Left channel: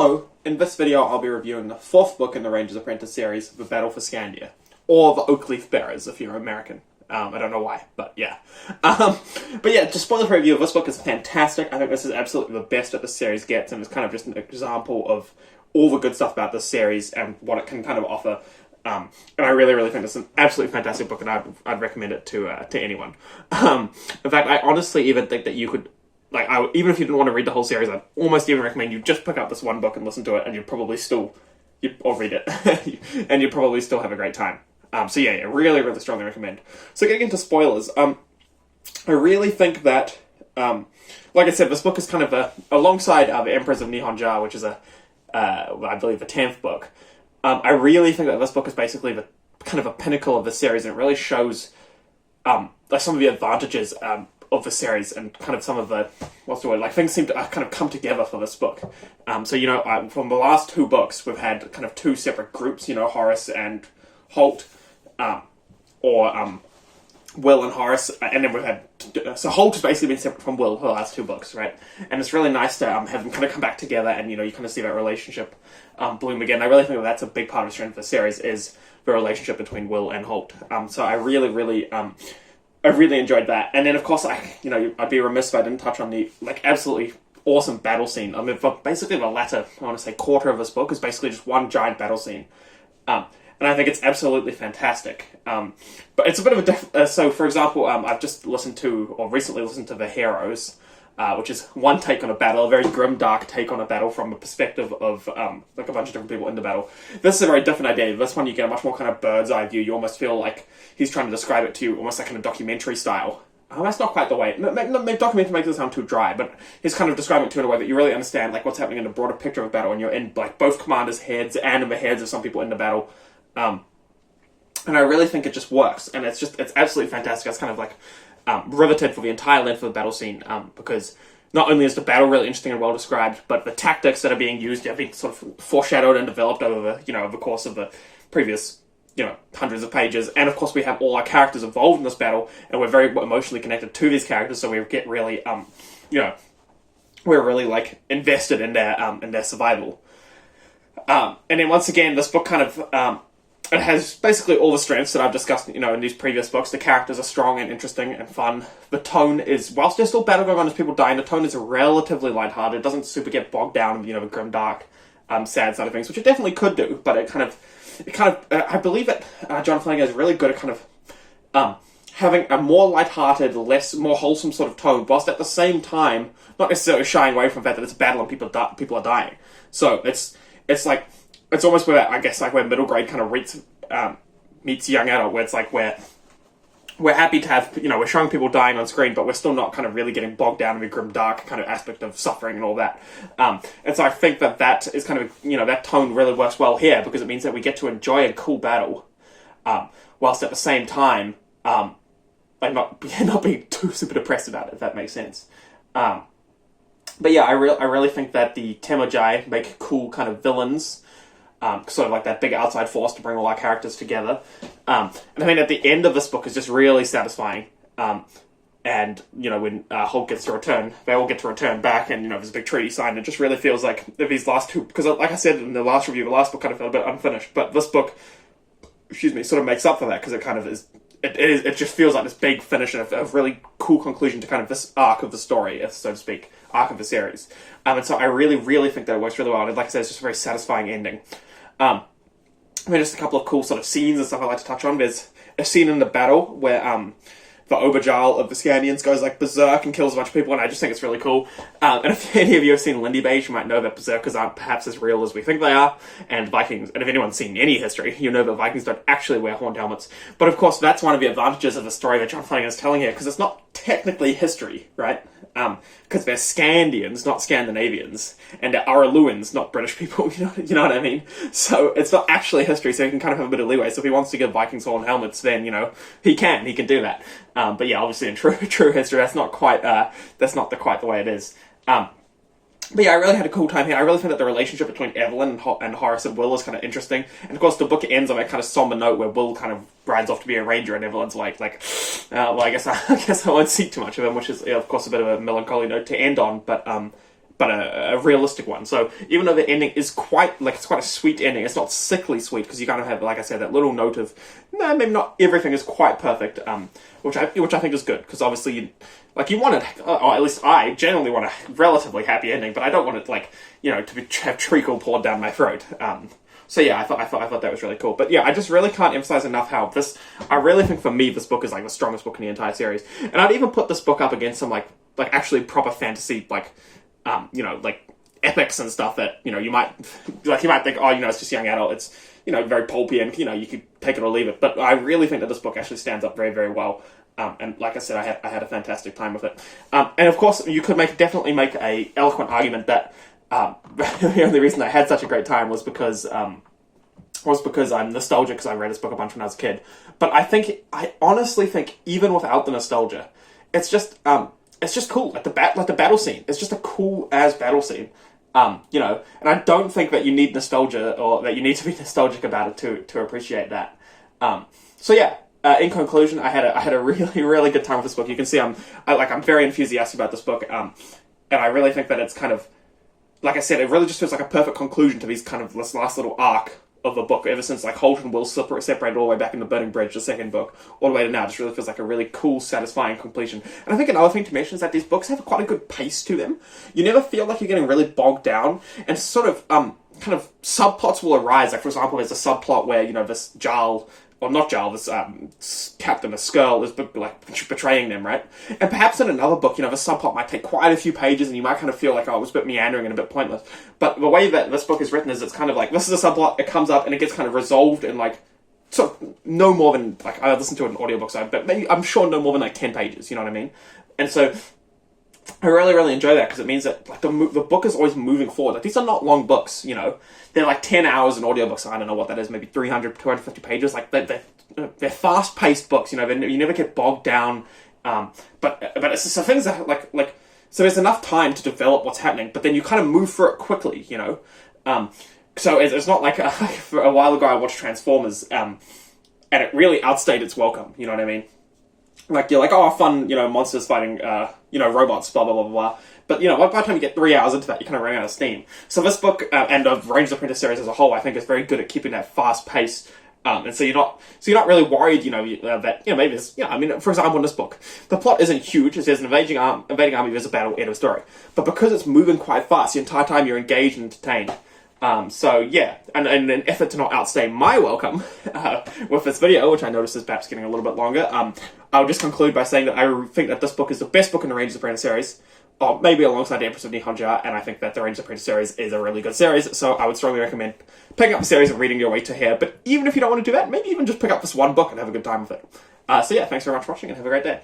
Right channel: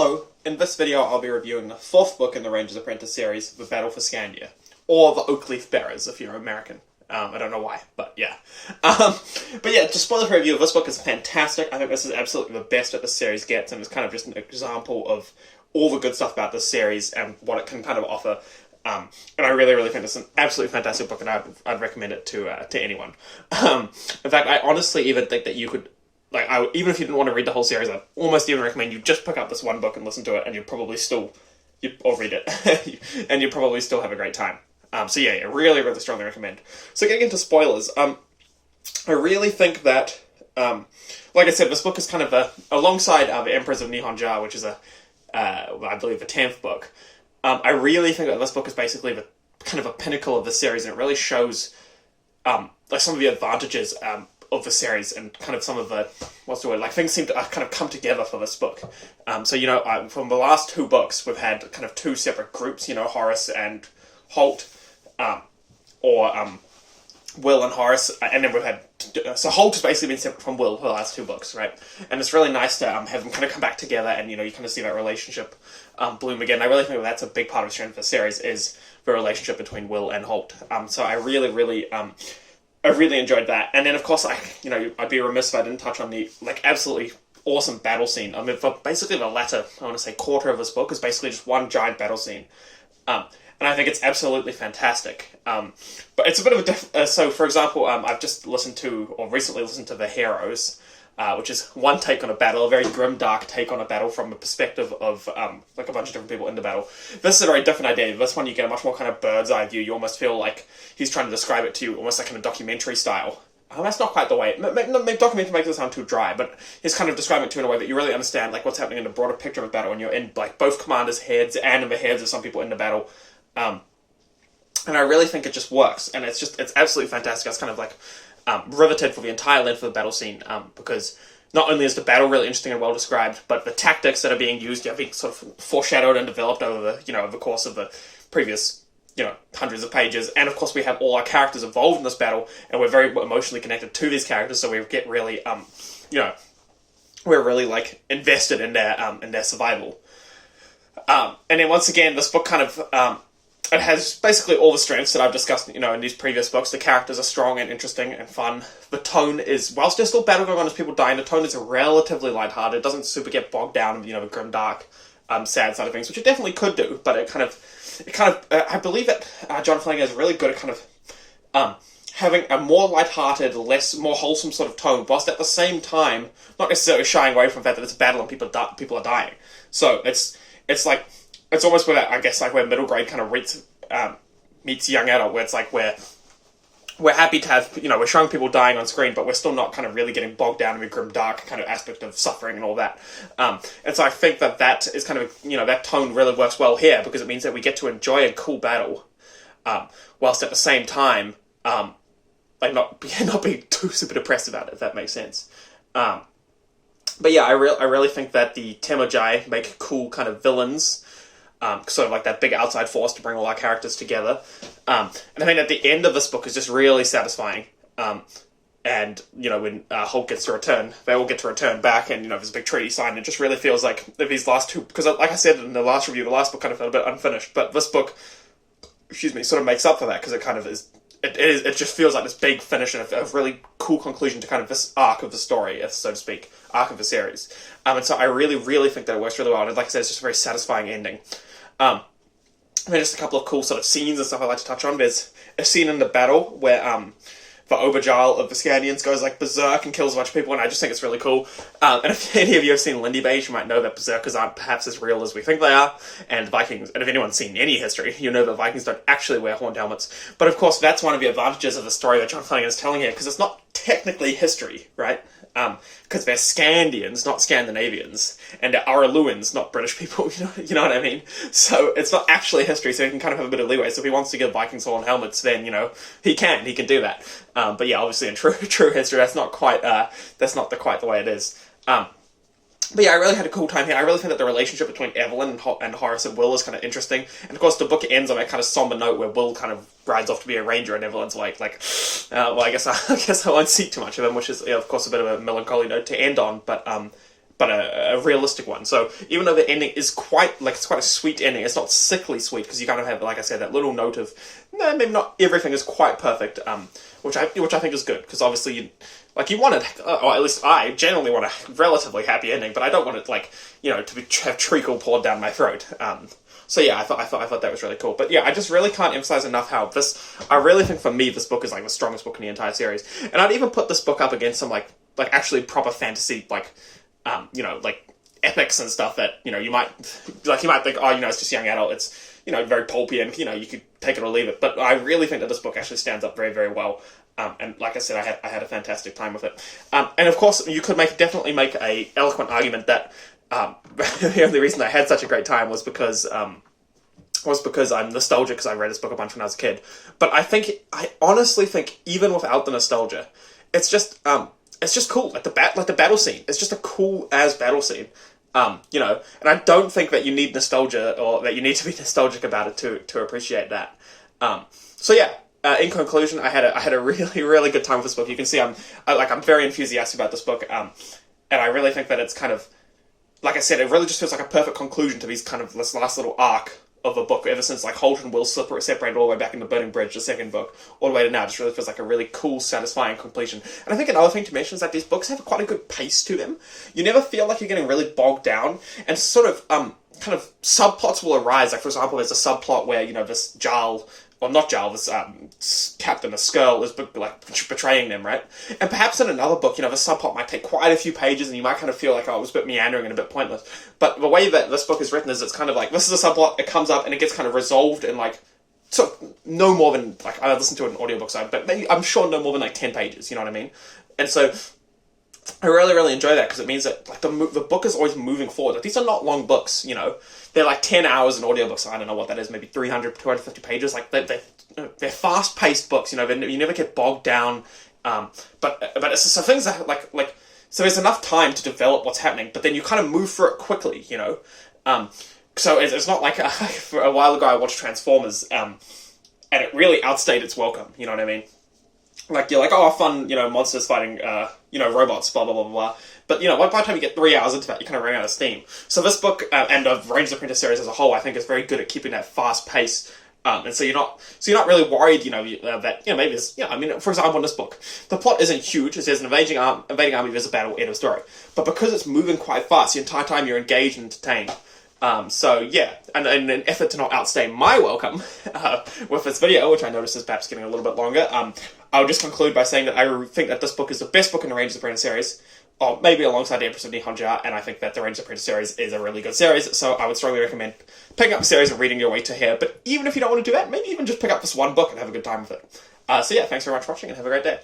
Hello, in this video I'll be reviewing the fourth book in the Ranger's Apprentice series, The Battle for Skandia, or the Oakleaf Bearers if you're American. I don't know why, but yeah. But yeah, just spoiler-free review of this book is fantastic. I think this is absolutely the best that the series gets, and it's kind of just an example of all the good stuff about this series and what it can kind of offer. And I really think it's an absolutely fantastic book, and I'd recommend it to anyone. In fact, I honestly even think that you could, even if you didn't want to read the whole series, I'd almost even recommend you just pick up this one book and listen to it, and you'd probably still, or read it, and you'd probably still have a great time. So yeah, really strongly recommend. So getting into spoilers, I really think that, like I said, this book is kind of alongside the Emperors of Nihonja, which is I believe the 10th book. I really think that this book is basically the kind of a pinnacle of the series, and it really shows some of the advantages of the series and kind of some of the, things seem to kind of come together for this book. So, from the last two books, we've had kind of two separate groups, Horace and Holt, or Will and Horace, and then we've had, so Holt has basically been separate from Will for the last two books, right? And it's really nice to have them kind of come back together, and you kind of see that relationship bloom again. I really think that's a big part of the strength of the series, is the relationship between Will and Holt. So I really enjoyed that. And then of course I'd be remiss if I didn't touch on the absolutely awesome battle scene. I mean, for basically the latter, I want to say quarter of this book is basically just one giant battle scene. And I think it's absolutely fantastic. But it's a bit of a so for example, I've just recently listened to The Heroes, which is one take on a battle, a very grim, dark take on a battle from a perspective of a bunch of different people in the battle. This is a very different idea. This one you get a much more kind of bird's eye view. You almost feel like he's trying to describe it to you almost like in a documentary style. That's not quite the way. Documentary makes it sound too dry, but he's kind of describing it to you in a way that you really understand what's happening in a broader picture of a battle, and you're in both commanders' heads and in the heads of some people in the battle. And I really think it just works, and it's absolutely fantastic. I was kind of riveted for the entire length of the battle scene, because not only is the battle really interesting and well described, but the tactics that are being used are being sort of foreshadowed and developed over the course of the previous hundreds of pages. And of course we have all our characters involved in this battle, and we're very emotionally connected to these characters, so we get really we're really invested in their survival. And then once again, this book kind of it has basically all the strengths that I've discussed, in these previous books. The characters are strong and interesting and fun. The tone is, whilst there's still battle going on as people die, the tone is relatively lighthearted. It doesn't super get bogged down in, the grim, dark, sad side of things, which it definitely could do. But it kind of, I believe that John Flanagan is really good at kind of having a more lighthearted, more wholesome sort of tone, whilst at the same time not necessarily shying away from the fact that it's a battle and people are dying. So it's almost where middle grade kind of meets young adult, where it's we're happy to have, we're showing people dying on screen, but we're still not kind of really getting bogged down in the grim, dark kind of aspect of suffering and all that. And so I think that is kind of, that tone really works well here, because it means that we get to enjoy a cool battle, whilst at the same time, not being too super depressed about it, if that makes sense. But yeah, I really think that the Temujai make cool kind of villains, sort of like that big outside force to bring all our characters together. And I think at the end of this book is just really satisfying. And, when Hulk gets to return, they all get to return back, and, there's a big treaty signed. It just really feels like these last two, because like I said in the last review, the last book kind of felt a bit unfinished, but this book, sort of makes up for that, because it kind of is, it just feels like this big finish and a really cool conclusion to kind of this arc of the story, so to speak, arc of the series. And so I really think that it works really well, and like I said, it's just a very satisfying ending. Just a couple of cool sort of scenes and stuff I'd like to touch on. There's a scene in the battle where the Oberjarl of the Skandians goes berserk and kills a bunch of people, and I just think it's really cool. And if any of you have seen Lindy Beige, you might know that berserkers aren't perhaps as real as we think they are, and Vikings, and if anyone's seen any history, you know that Vikings don't actually wear horned helmets. But of course, that's one of the advantages of the story that John Flanagan is telling here, because it's not technically history, right? Because they're Skandians, not Scandinavians, and they're Araluans, not British people, you know what I mean? So it's not actually history, so he can kind of have a bit of leeway. So if he wants to give Vikings horned helmets, then, he can do that. But yeah, obviously in true history, that's not quite the way it is. But yeah, I really had a cool time here. I really think that the relationship between Evelyn and Horace and Will is kind of interesting. And of course, the book ends on a kind of somber note where Will kind of rides off to be a ranger, and Evelyn's I guess I won't see too much of him, which is, of course, a bit of a melancholy note to end on. But but a realistic one. So even though the ending is quite it's quite a sweet ending, it's not sickly sweet, because you kind of have, like I said, that little note of maybe not everything is quite perfect, which I think is good, because obviously you want it, or at least I generally want a relatively happy ending, but I don't want it to have treacle poured down my throat. So yeah, I thought that was really cool. But yeah, I just really can't emphasize enough how I really think for me this book is the strongest book in the entire series. And I'd even put this book up against some actually proper fantasy epics and stuff that you might think, oh, it's just young adult, it's very pulpy, and you could take it or leave it. But I really think that this book actually stands up very, very well. And like I said, I had a fantastic time with it. And of course, you could definitely make a eloquent argument that the only reason I had such a great time was because I'm nostalgic, because I read this book a bunch when I was a kid. But I honestly think even without the nostalgia, it's just cool. Like the battle scene, it's just a cool as battle scene. And I don't think that you need nostalgia, or that you need to be nostalgic about it to appreciate that. So yeah. In conclusion, I had a really, really good time with this book. You can see I'm very enthusiastic about this book, and I really think that it's kind of, like I said, it really just feels like a perfect conclusion to this last little arc of a book. Ever since Holt and Will separated all the way back in the Burning Bridge, the second book, all the way to now, it just really feels like a really cool, satisfying completion. And I think another thing to mention is that these books have quite a good pace to them. You never feel like you're getting really bogged down, and kind of subplots will arise. Like, for example, there's a subplot where this Jarl. Well, not Jarl, this captain, this Skirl, is betraying them, right? And perhaps in another book, the subplot might take quite a few pages, and you might kind of feel like, oh, it was a bit meandering and a bit pointless. But the way that this book is written is it's kind of this is a subplot, it comes up, and it gets kind of resolved in so no more than, I listened to it in audiobook side, but maybe, I'm sure no more than 10 pages, you know what I mean? And so I really, really enjoy that, because it means that the book is always moving forward. These are not long books, They're 10 hours in audiobooks, so I don't know what that is, maybe 300, 250 pages. They're fast-paced books, you never get bogged down. But it's so things that, so there's enough time to develop what's happening, but then you kind of move through it quickly, So it's not for a while ago I watched Transformers, and it really outstayed its welcome, you know what I mean? You're oh, fun, monsters fighting, robots, blah, blah, blah, blah. But, by the time you get 3 hours into that, you kind of run out of steam. So this book, and the Rangers Apprentice series as a whole, I think is very good at keeping that fast pace. And so you're not really worried, that, maybe it's, for example, in this book, the plot isn't huge. There's an invading army, there's a battle, end of story. But because it's moving quite fast, the entire time you're engaged and entertained. So yeah, and in an effort to not outstay my welcome with this video, which I notice is perhaps getting a little bit longer, I'll just conclude by saying that I think that this book is the best book in the Rangers Apprentice series, or maybe alongside the Empress of Nihonja, and I think that the Rangers Apprentice series is a really good series, so I would strongly recommend picking up the series and reading your way to here. But even if you don't want to do that, maybe even just pick up this one book and have a good time with it. So yeah, thanks very much for watching, and have a great day.